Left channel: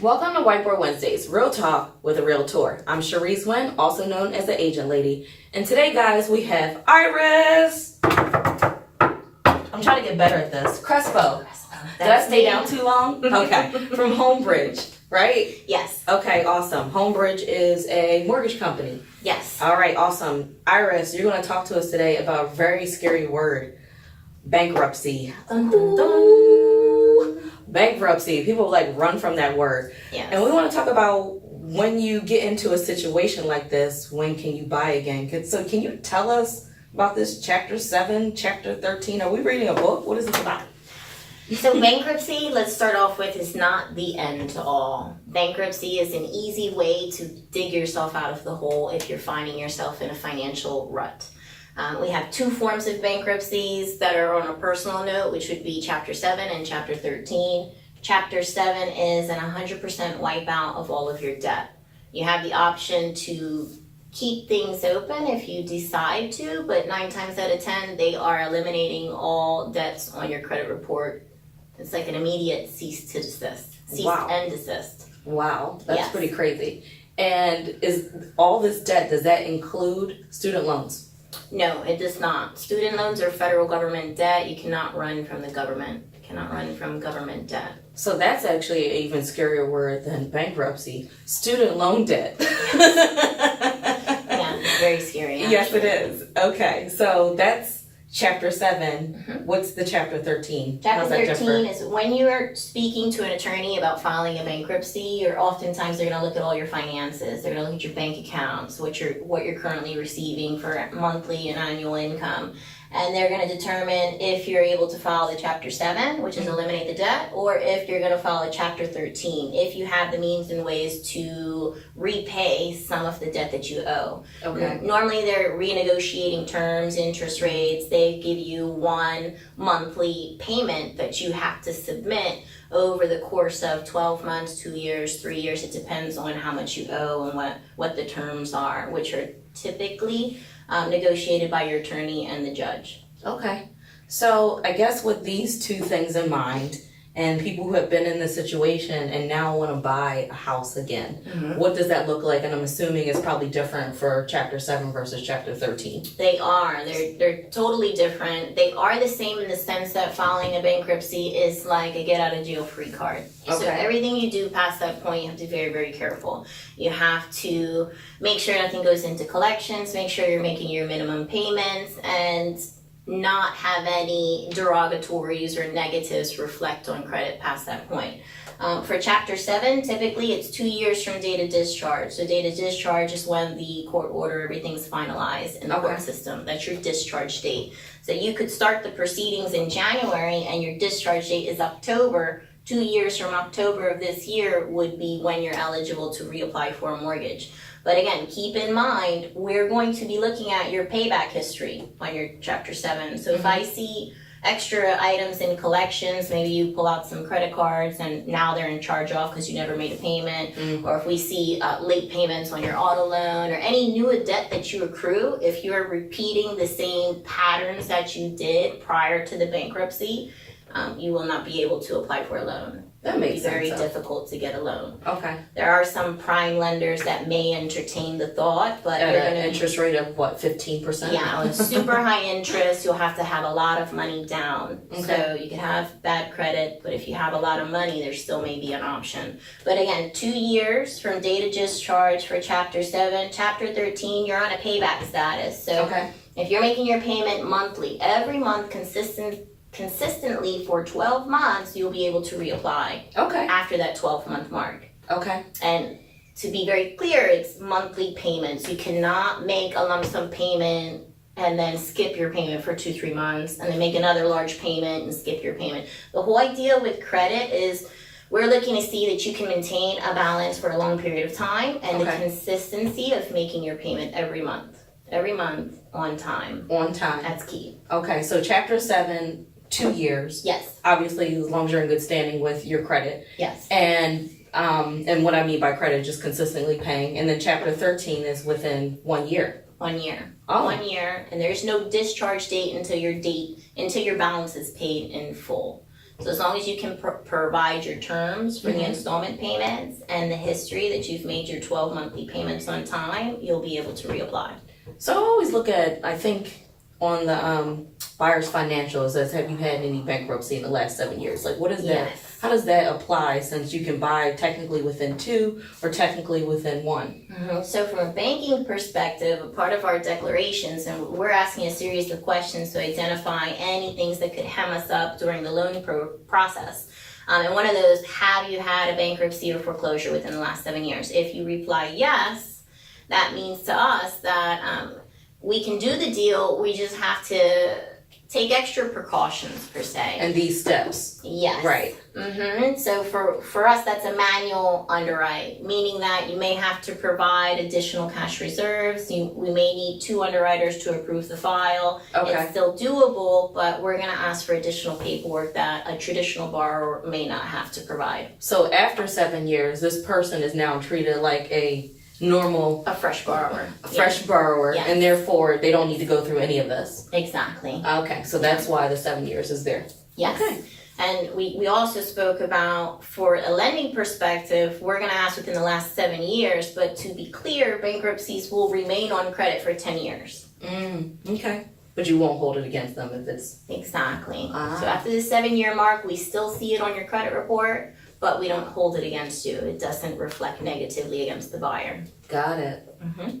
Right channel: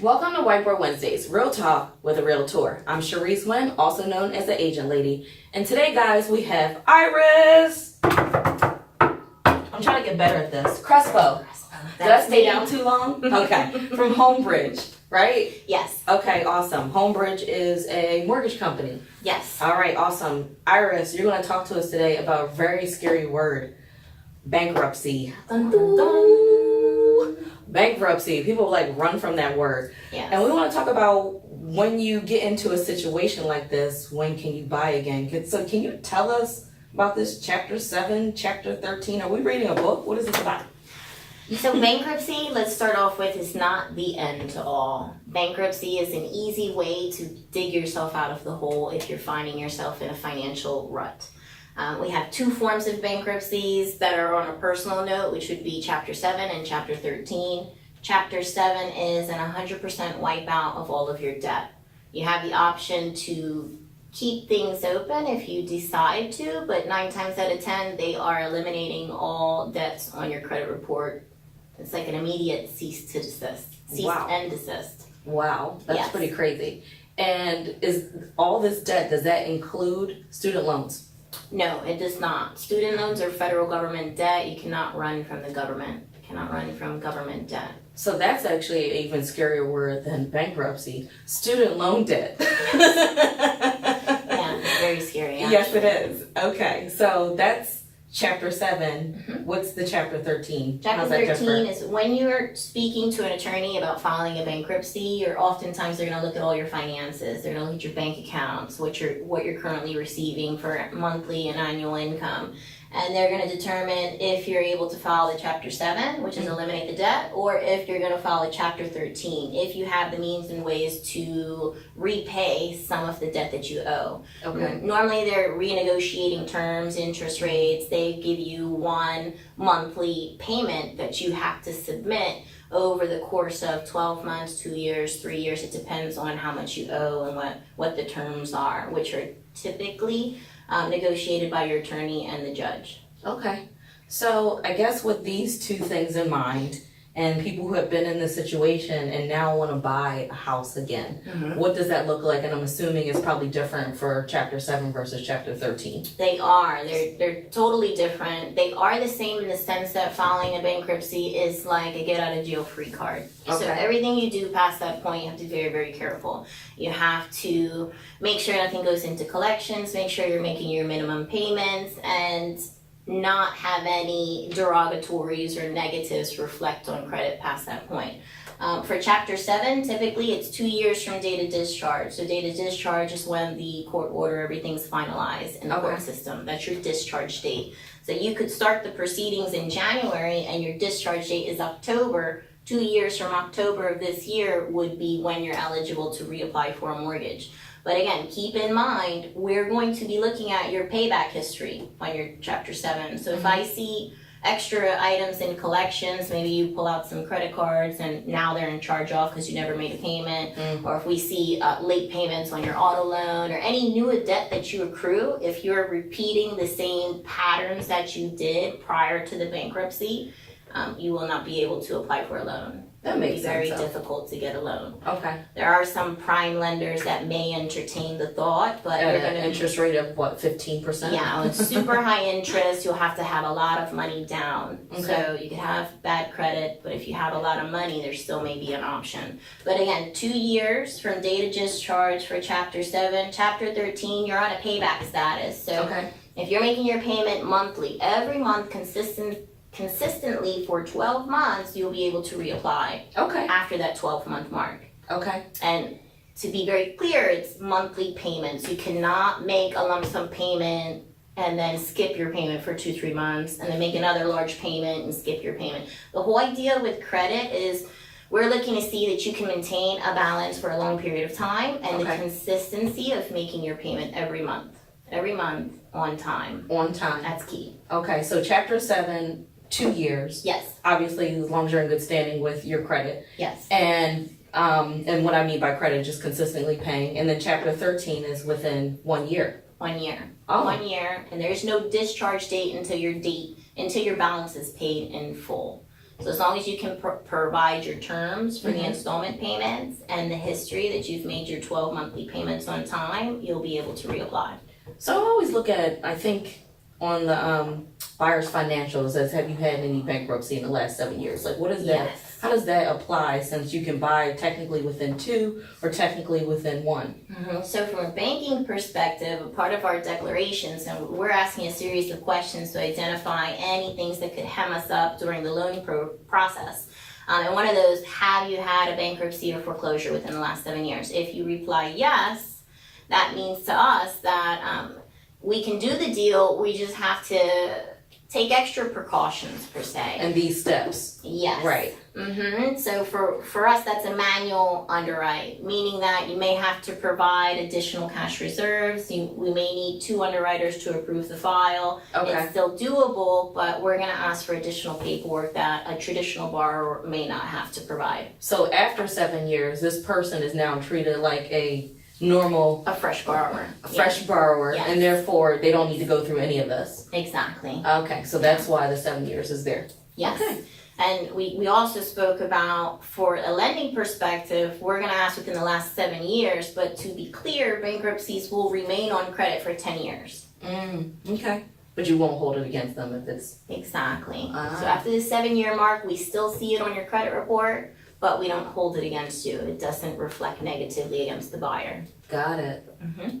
Welcome to Whiteboard Wednesdays, Real Talk with a Realtor. I'm Cherise Wynn, also known as the Agent Lady. And today, guys, we have Iris. I'm trying to get better at this. Crespo. Did I stay down too long? Okay. From Homebridge, right? Yes. Okay, awesome. Homebridge is a mortgage company. Yes. All right, awesome. Iris, you're going to talk to us today about a very scary word, bankruptcy. Dun, dun, dun. Bankruptcy. People like run from that word. Yes. And we want to talk about when you get into a situation like this, when can you buy again? So can you tell us about this chapter 7, chapter 13? Are we reading a book? What is it about? So bankruptcy, let's start off with, is not the end to all. Bankruptcy is an easy way to dig yourself out of the hole if you're finding yourself in a financial rut. We have two forms of bankruptcies that are on a personal note, which would be Chapter 7 and Chapter 13. Chapter 7 is an 100% wipeout of all of your debt. You have the option to keep things open if you decide to, but 9 times out of 10, they are eliminating all debts on your credit report. It's like an immediate cease to desist. Cease and desist. Wow, that's Yes. pretty crazy. And is all this debt, does that include student loans? No, it does not. Student loans are federal government debt. You cannot run from the government. You cannot run from government debt. So that's actually an even scarier word than bankruptcy. Student loan debt. Yeah, it's very scary. Actually. Yes, it is. Okay, so that's chapter 7. Mm-hmm. What's the chapter 13? Chapter How's that 13 different? is when you're speaking to an attorney about filing a bankruptcy, they're going to look at all your finances. They're going to look at your bank accounts, what you're currently receiving for monthly and annual income. And they're going to determine if you're able to file a Chapter 7, which is eliminate the debt, or if you're going to file a Chapter 13, if you have the means and ways to repay some of the debt that you owe. Okay. Normally, they're renegotiating terms, interest rates. They give you one monthly payment that you have to submit over the course of 12 months, 2 years, 3 years. It depends on how much you owe and what the terms are, which are typically negotiated by your attorney and the judge. Okay. So I guess with these two things in mind, and people who have been in this situation and now want to buy a house again, what does that look like? And I'm assuming it's probably different for Chapter 7 versus Chapter 13. They are. They're totally different. They are the same in the sense that filing a bankruptcy is like a get out of jail free card. Okay. So everything you do past that point, you have to be very, very careful. You have to make sure nothing goes into collections, make sure you're making your minimum payments, and not have any derogatories or negatives reflect on credit past that point. For Chapter 7, typically it's 2 years from date of discharge. So date of discharge is when the court order, everything's finalized in the court system. That's your discharge date. So you could start the proceedings in January and your discharge date is October. 2 years from October of this year would be when you're eligible to reapply for a mortgage. But again, keep in mind, we're going to be looking at your payback history on your Chapter 7. So if I see extra items in collections, maybe you pull out some credit cards and now they're in charge off because you never made a payment, or if we see late payments on your auto loan or any new debt that you accrue, if you're repeating the same patterns that you did prior to the bankruptcy, you will not be able to apply for a loan. That makes It's very sense. difficult to get a loan. Okay. There are some prime lenders that may entertain the thought, but At you're an going to interest rate of what, 15%? yeah, on super high interest, you'll have to have a lot of money down. Okay. So you can have bad credit, but if you have a lot of money, there still may be an option. But again, 2 years from date of discharge for Chapter 7. Chapter 13, you're on a payback status. So if you're making your payment monthly, every month consistently for 12 months, you'll be able to reapply after that 12-month mark. Okay. And to be very clear, it's monthly payments. You cannot make a lump sum payment and then skip your payment for 2-3 months and then make another large payment and skip your payment. The whole idea with credit is we're looking to see that you can maintain a balance for a long period of time and the consistency of making your payment every month on time. On time. That's key. Okay, so Chapter 7, 2 years. Yes. Obviously, as long as you're in good standing with your credit. Yes. And what I mean by credit, just consistently paying. And then Chapter 13 is within 1 year. 1 year. Oh. 1 year, and there's no discharge date until your balance is paid in full. So as long as you can provide your terms for the installment payments and the history that you've made your 12 monthly payments on time, you'll be able to reapply. So I always look at, I think on the buyer's financials as, have you had any bankruptcy in the last 7 years? Like, what is that? Yes. How does that apply, since you can buy technically within 2 or technically within 1? So from a banking perspective, a part of our declarations, and we're asking a series of questions to identify any things that could hem us up during the loan process. And one of those, have you had a bankruptcy or foreclosure within the last 7 years? If you reply yes, that means to us that we can do the deal, we just have to take extra precautions per se. And these steps. Yes. Right. So for us, that's a manual underwrite, meaning that you may have to provide additional cash reserves. We may need 2 underwriters to approve the file. Okay. It's still doable, but we're going to ask for additional paperwork that a traditional borrower may not have to provide. So after 7 years, this person is now treated like a normal, A fresh borrower. borrower, Yes. and therefore they don't need to go through any of this. Exactly. Okay, so that's why the 7 years is there. Yes. Okay. And we also spoke about, for a lending perspective, we're going to ask within the last 7 years, but to be clear, bankruptcies will remain on credit for 10 years. Okay. But you won't hold it against them if it's... Exactly. So after the 7-year mark, we still see it on your credit report, but we don't hold it against you. It doesn't reflect negatively against the buyer. Got it.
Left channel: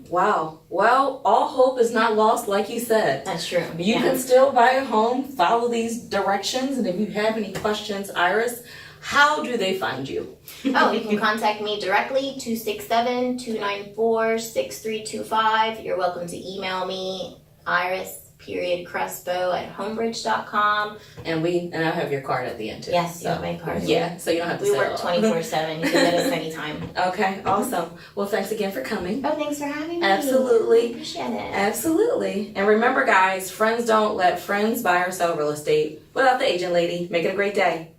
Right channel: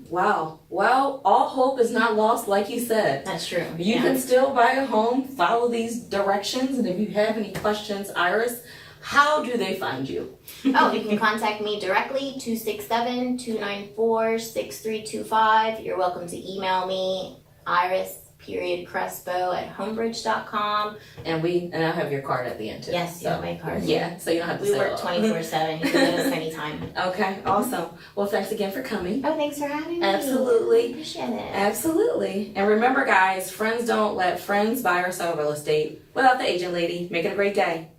Wow. Well, all hope is not lost, like you said. That's true. You can still buy a home, follow these directions, and if you have any questions, Iris, how do they find you? You can contact me directly, 267-294-6325. You're welcome to email me, Iris.Crespo@homebridge.com. And I have your card at the end too. Yes, you have my card. Yeah, so you don't have to We say work it all. 24/7. You can get us anytime. Okay, awesome. Well, thanks again for coming. Oh, thanks for having me. Absolutely. Appreciate it. Absolutely. And remember, guys, friends don't let friends buy or sell real estate without the agent lady. Make it a great day.